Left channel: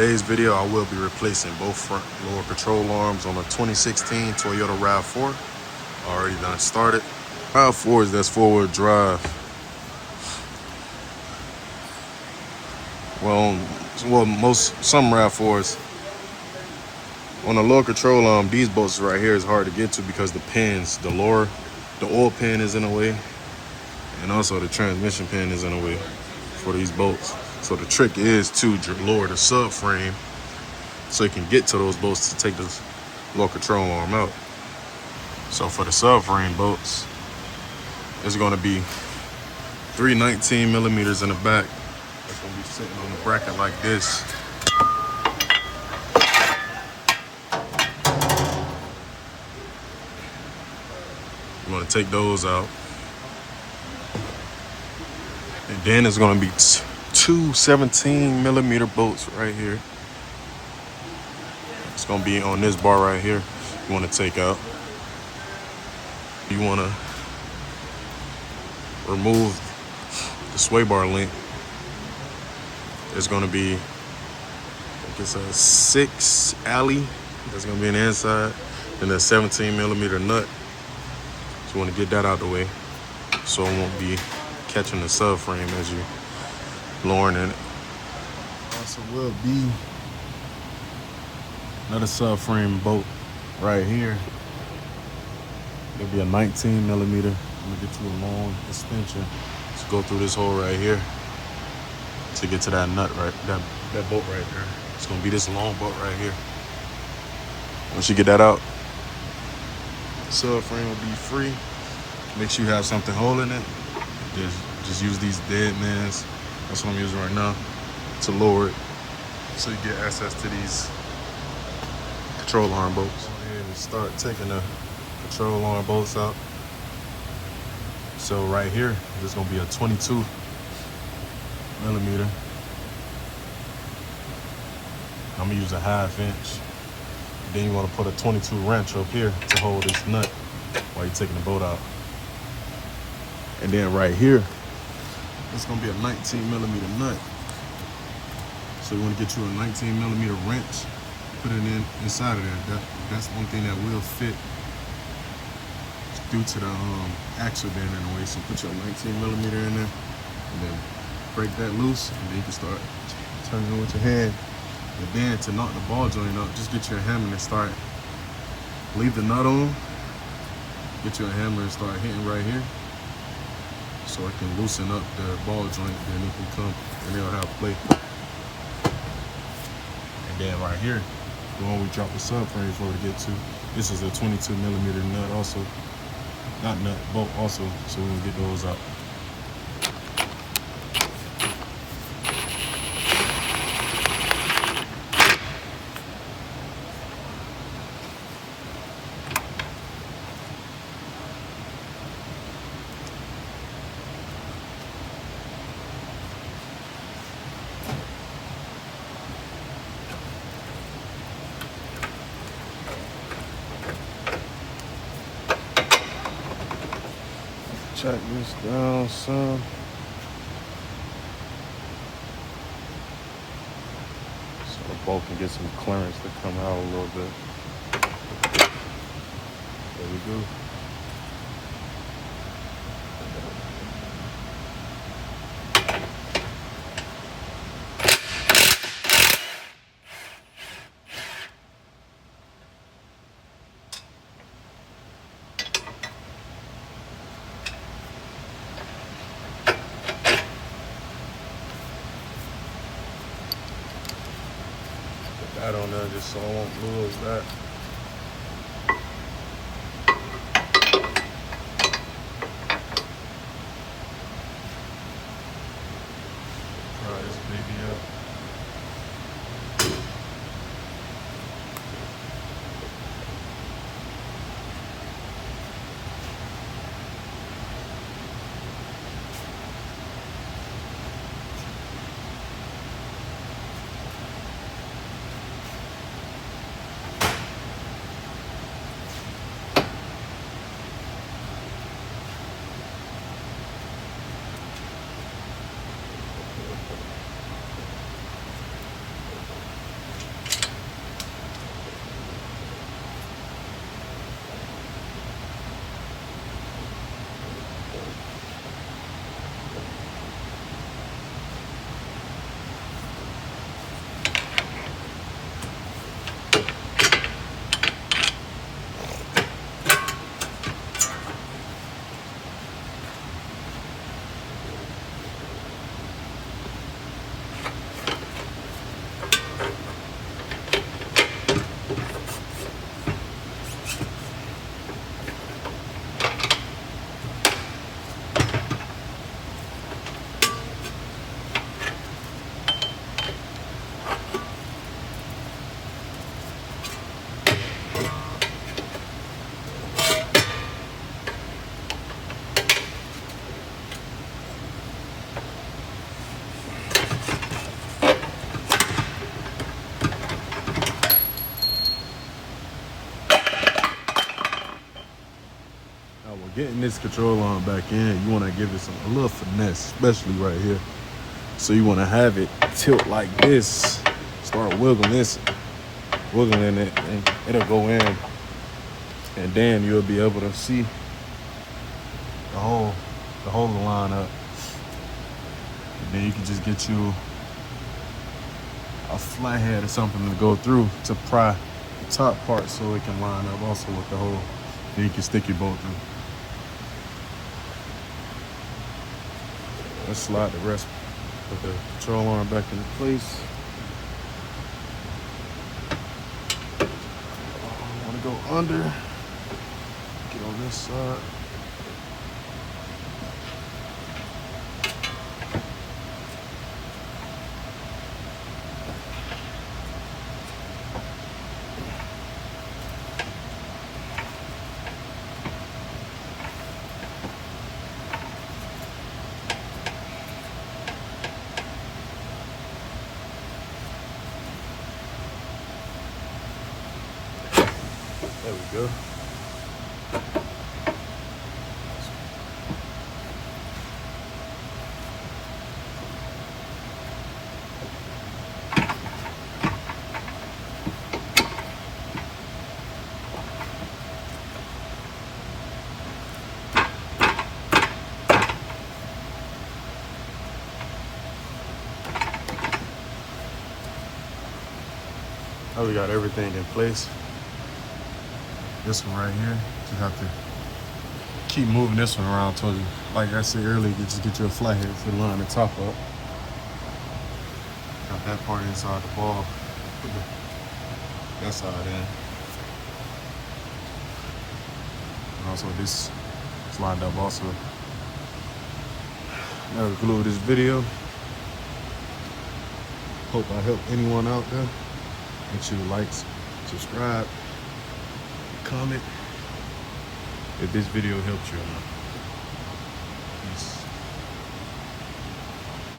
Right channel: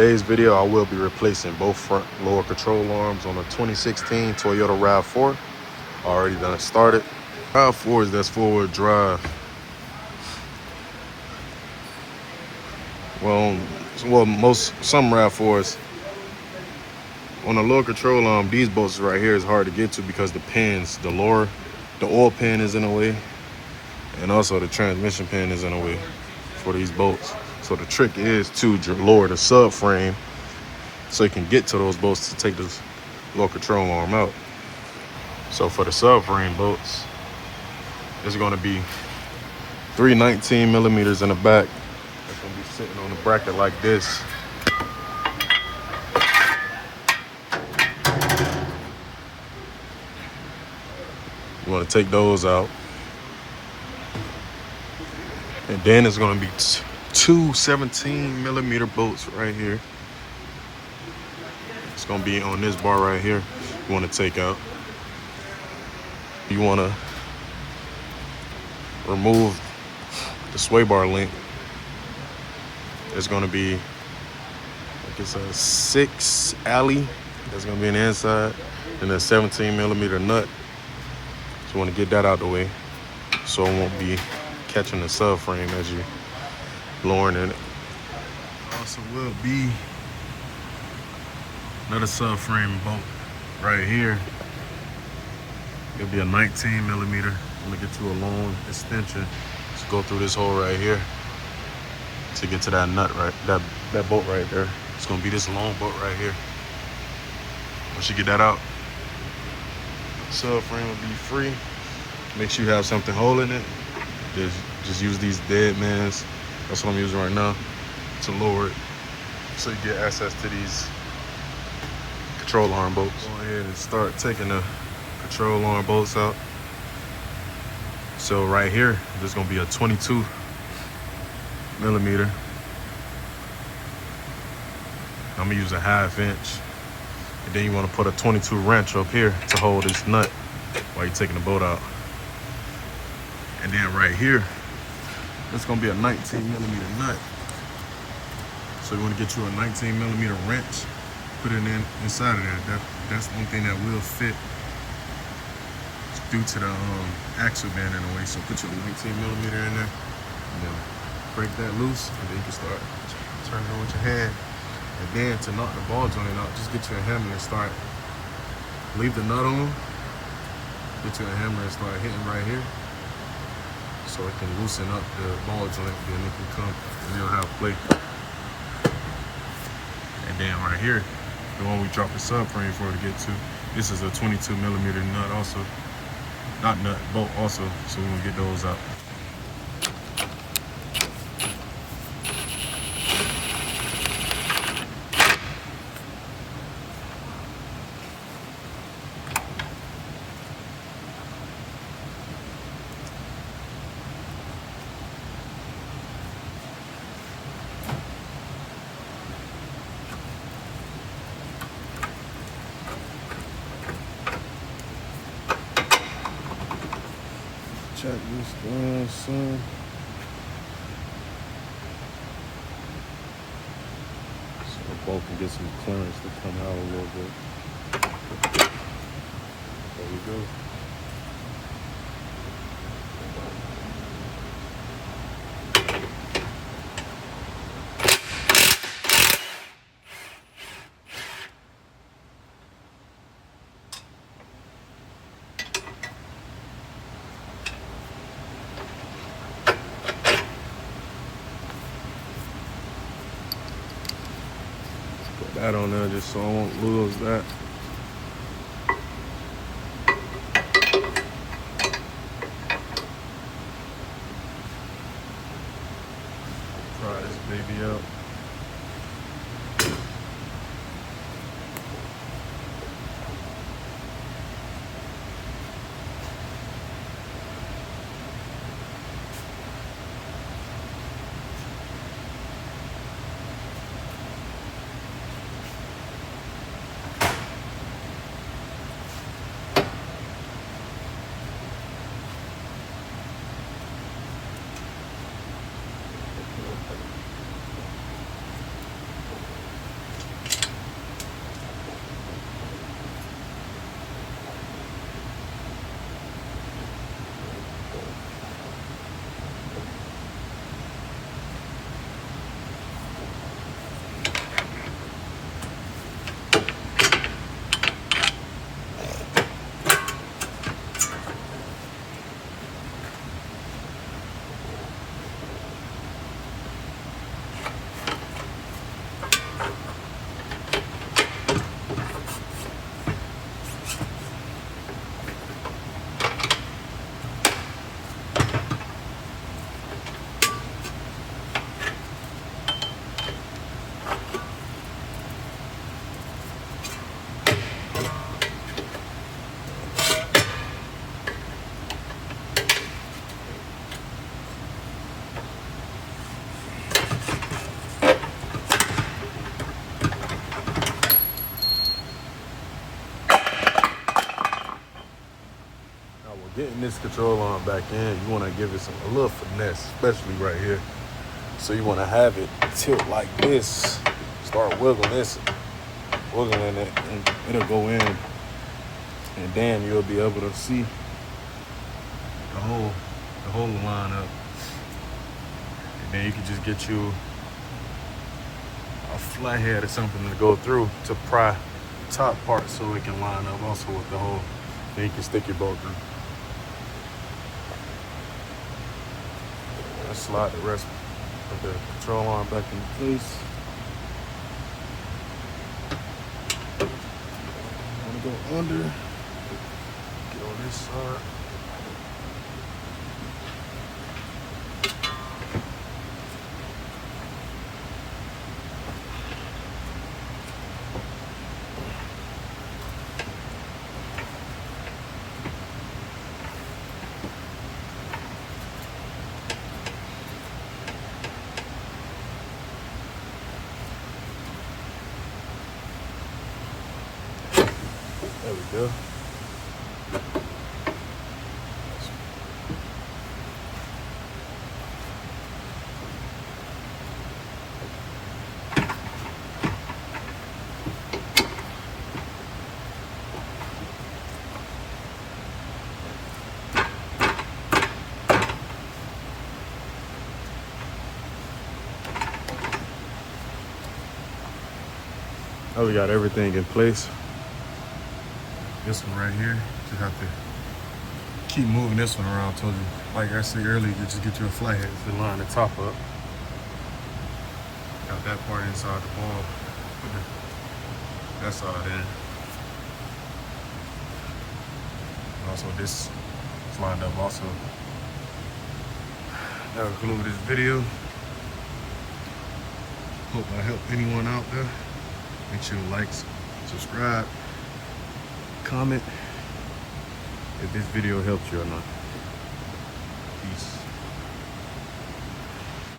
today's video, I will be replacing both front lower control arms on a 2016 Toyota RAV4. Already done started. RAV4s, that's four-wheel drive. Some RAV4s on the lower control arm, these bolts right here is hard to get to because the pins, the oil pin is in the way, and also the transmission pin is in the way for these bolts. So the trick is to lower the subframe so you can get to those bolts to take the lower control arm out. So for the subframe bolts, it's going to be 3 19 millimeters in the back. It's going to be sitting on a bracket like this. You want to take those out. And then it's going to be two 17 millimeter bolts right here. It's going to be on this bar right here. You want to take out. You want to remove the sway bar link. It's going to be, it's a 6 alley that's going to be in the inside, and a 17 millimeter nut. So you want to get that out the way so it won't be catching the subframe as you lowering in it. Also will be another subframe bolt right here. It'll be a 19 millimeter. I'm gonna get you a long extension. Just go through this hole right here to get to that nut right, that bolt right there. It's gonna be this long bolt right here. Once you get that out, the subframe will be free. Make sure you have something holding it. Just use these dead mans. That's what I'm using right now to lower it so you get access to these control arm bolts. Go ahead and start taking the control arm bolts out. So right here, there's gonna be a 22 millimeter. I'm gonna use a 1/2 inch. And then you wanna put a 22 wrench up here to hold this nut while you're taking the bolt out. And then right here, it's gonna be a 19 millimeter nut. So you wanna get you a 19 millimeter wrench, put it inside of there. That's one thing that will fit due to the axle band in the way. So put your 19 millimeter in there, and then break that loose, and then you can start turning it with your hand. And then to knock the ball joint out, just get you a hammer and start, leave the nut on, get you a hammer and start hitting right here, so it can loosen up the ball joint, then it can come and it'll have play. And then right here, the one we dropped the subframe for to get to, this is a 22 millimeter nut also. Not nut, bolt also, so we're gonna get those out. Check this down some. So the bolt can get some clearance to come out a little bit. There we go. That on there just so I won't lose that. Fry this baby up. Getting this control arm back in, you want to give it a little finesse, especially right here. So you want to have it tilt like this. Start wiggling this, wiggling it, and it'll go in. And then you'll be able to see the whole line up. And then you can just get you a flathead or something to go through to pry the top part so it can line up also with the hole. And you can stick your bolt through. Slide the rest of the control arm back into place. Want to go under. Go this side. There we go. Oh, we got everything in place. This one right here, you have to keep moving this one around. Told you, like I said earlier, you just get your flathead to line the top up. Got that part inside the ball. That side in. Also, this is lined up also. Now to conclude this video. Hope I helped anyone out there. Make sure to like, subscribe, comment if this video helped you or not. Peace.